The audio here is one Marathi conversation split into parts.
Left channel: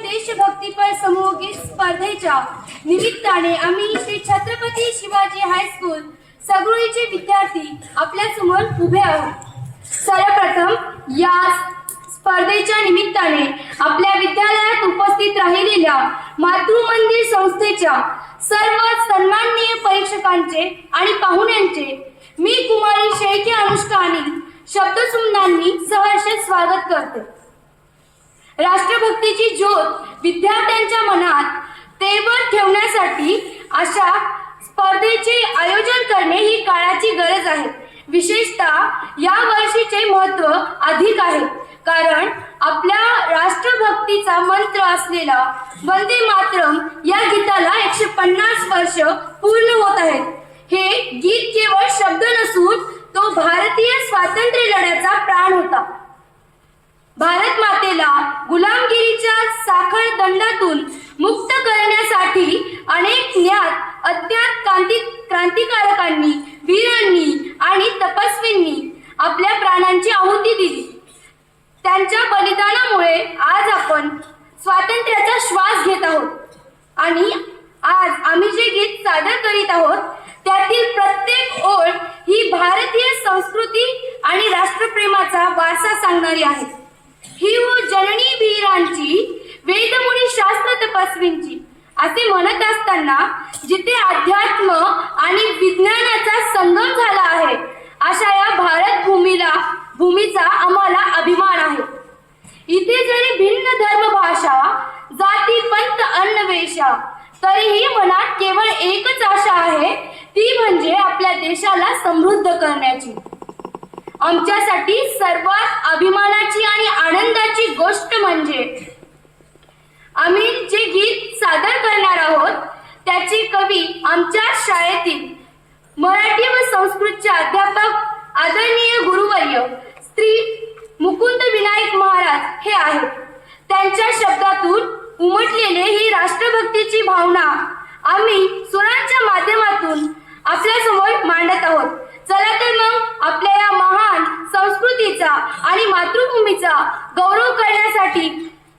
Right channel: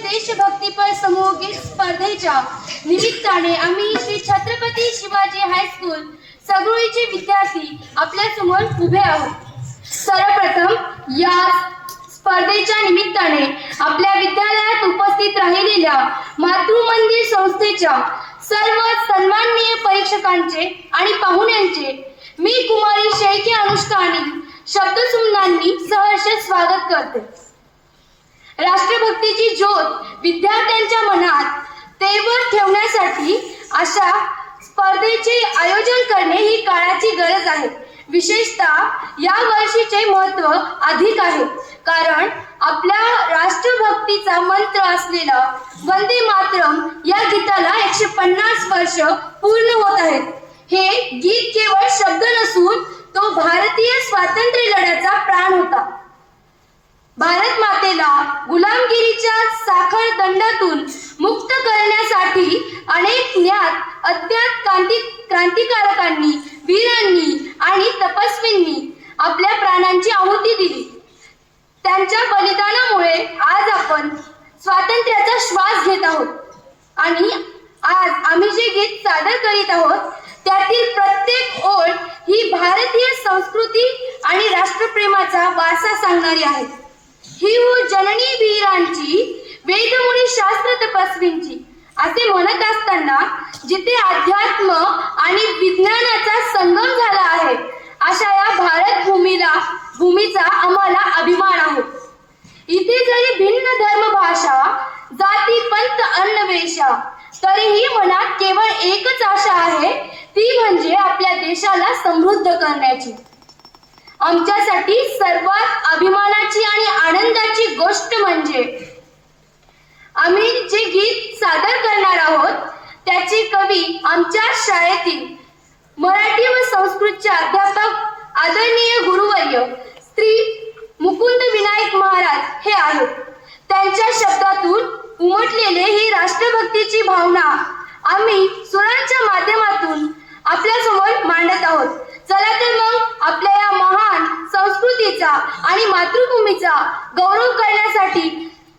देशभक्तीपर समूहगीत स्पर्धेच्या निमित्ताने आम्ही श्री छत्रपती शिवाजी हायस्कूल सगळीचे विद्यार्थी आपल्या समोर उभे आहोत। सर्वप्रथम या स्पर्धेच्या निमित्ताने आपल्या विद्यालयात उपस्थित राहिलेल्या मातृ मंदिर संस्थेच्या सर्व सन्माननीय परीक्षकांचे आणि पाहुण्यांचे मी कुमारी शेळके अनुष्का आणि शब्दसुमनांनी सहर्ष स्वागत करते। राष्ट्रभक्तीची ज्योत विद्यार्थ्यांच्या मनात तेवर ठेवण्यासाठी अशा स्पर्धेचे आयोजन करणे ही काळाची गरज आहे। विशेषतः या वर्षीचे महत्त्व अधिक आहे, कारण आपल्या राष्ट्रभक्तीचा मंत्र असलेला वंदे मातरम या गीताला 150 वर्ष पूर्ण होत आहेत। हे गीत केवळ शब्द नसून तो भारतीय स्वातंत्र्य लढ्याचा प्राण होता। भारत मातेला गुलामगिरीच्या साखळ दंडातून मुक्त करण्यासाठी अनेक ज्ञात अज्ञात क्रांतिकारकांनी, वीरांनी आणि तपस्वींनी आपल्या प्राणांची आहुती दिली। त्यांच्या बलिदानामुळे आज आपण स्वातंत्र्याचा श्वास घेत आहोत आणि आज आम्ही जे गीत सादर करीत आहोत त्यातील प्रत्येक ओळ ही भारतीय संस्कृती आणि राष्ट्रप्रेमाचा वारसा सांगणारी आहे। ही जननी वीरांची, वेदमुनी शास्त्र तपस्वींची असे म्हणत असताना जिथे अध्यात्म आणि विज्ञानाचा संगम झाला आहे अशा या भारत भूमीचा आम्हाला अभिमान आहे। इथे जरी भिन्न धर्म, भाषा, जाती, पंथ, अन्न, वेशा तरीही मनात केवळ एकच आशा आहे, ती म्हणजे आपल्या देशाला समृद्ध करण्याची। आमच्यासाठी सर्वात अभिमानाची आणि आनंदाची गोष्ट म्हणजे आम्ही जे गीत सादर करणार आहोत त्याची कवी आमच्या शाळेतील मराठी व संस्कृतचे अध्यापक आदरणीय गुरुवर्य श्री मुकुंद विनायक महाराज हे आहेत। त्यांच्या शब्दातून उमटलेले ही राष्ट्रभक्तीची भावना आम्ही सुरांच्या माध्यमातून आपल्या समोर मांडत आहोत। चला तर मग आपल्या या महान संस्कृतीचा आणि मातृभूमीचा गौरव करण्यासाठी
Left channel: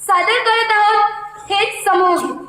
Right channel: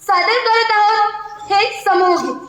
सादर करत आहोत हे समूहगीत।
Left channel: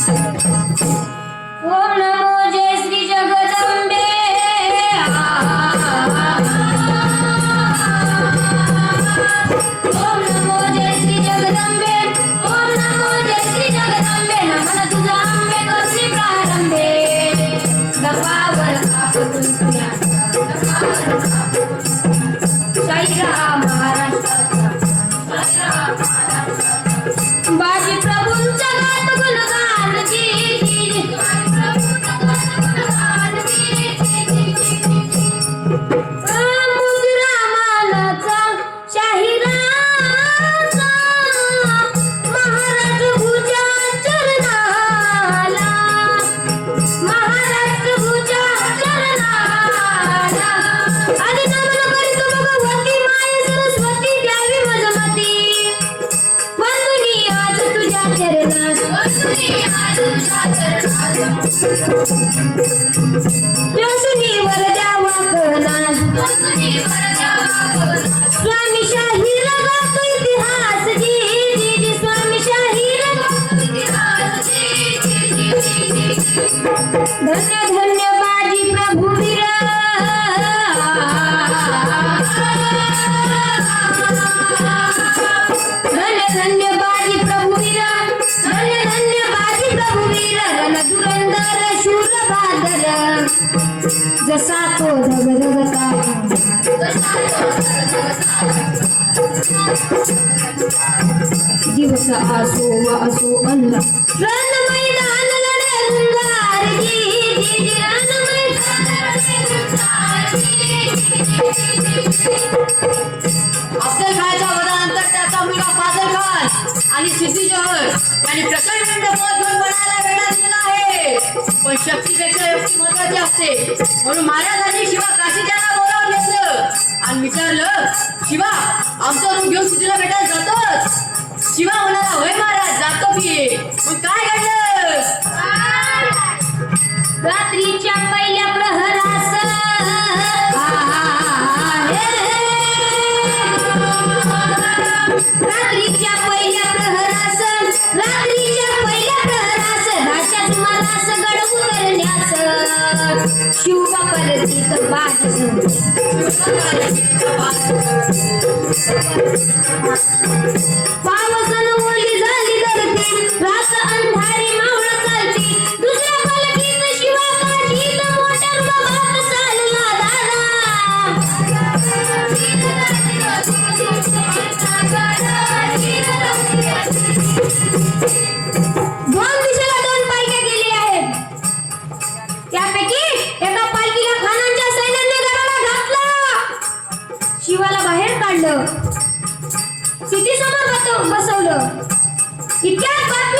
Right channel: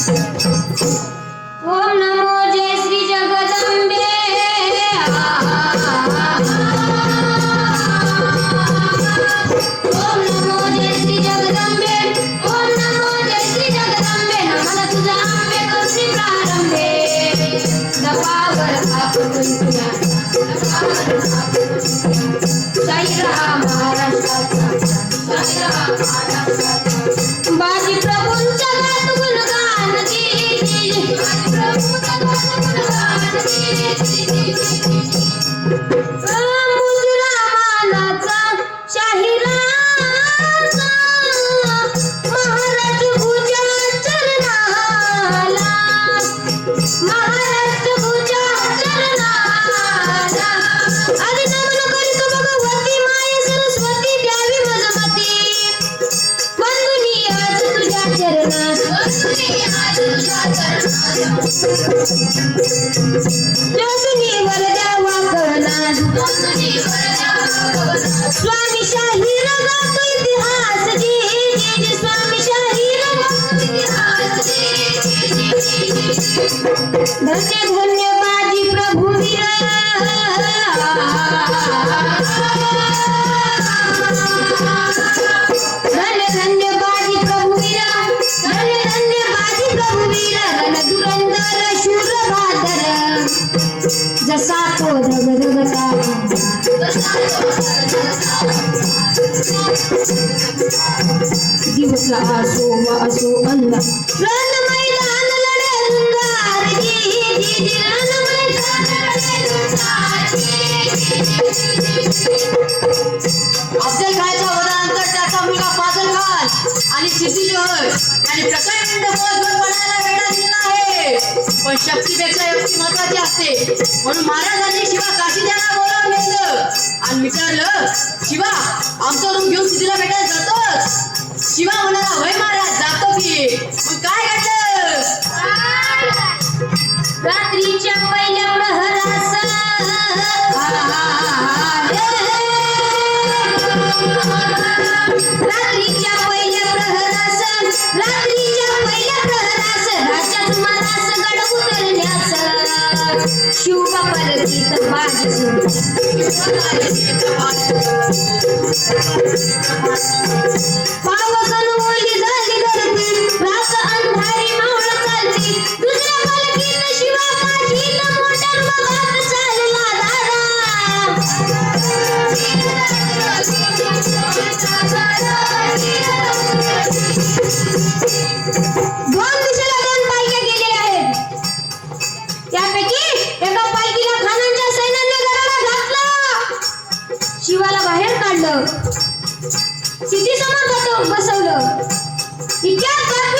ओम नमो जय श्री जगदंबे ओम नमो जय श्री जगदंबे ओम नमो जय श्री जगदंबे नमन तुझा अंबे करुणी प्रारंभे दपावर आपण तुझ्या साई राम महाराष्ट्राचा बाजी प्रभूंच्या गात गुणगान जी मुजरामानाचा शाहिराचा महाराज भुजा चरणाला महाराज भुजा चरणाला आणि नमन करीतो भगवती माय सरस्वती द्यावी मजमती बंधुनी आज तुझ्या चरणात बंधुनी वर द्यावा कणात स्वामी शाहीर गातो इतिहास जी जी स्वामी शाहीर गातो इतिहास धन्य धन्य बाजी प्रभुवीर धन्य धन्य बाजी प्रभुवीर धन्य धन्य बाजी प्रभुवीर रण दुरंदर शूर बहादर जसा तो धगधगता दिवस असो व असो अन्न रण मैदान लढे गुंगार जी जी रण मैदान लढे गुंगार अफजल खानच्या वधानंतर त्याचा मुलगा फाजल खान आणि सिद्धी जोहर यांनी प्रचंड बळ घेऊन पळायला वेढा दिलेला आहे. पण शक्तीपेक्षा युक्ती महत्वाची असते. म्हणून महाराजांनी शिवा काशी त्यांना बोलावून घेतलं आणि विचारलं, शिवा आमचं रूम घेऊन सिद्धीला भेटायला जातोच? शिवा म्हणाला, होय महाराज जातो की. मग काय घडलं? रात्रीच्या पहिल्या प्रहरास रात्रीच्या पहिल्या प्रहरास राजाच्या सुमारास गड उतरण्यास शिवबा परतीत बाजी पावसन ओली झाली धरती रात अंधारी मावळ चालती दुसऱ्या पालखीत शिवा काठीत मोटर बघत चालला दादा दोन दिशेला दोन पालख्या गेलेल्या आहेत. त्यापैकी एका पालखीला खानांच्या सैन्याने गडाला घातलं, शिवाला बाहेर काढलं, सिद्धीसमोर बसवलं. इतक्यात बातमी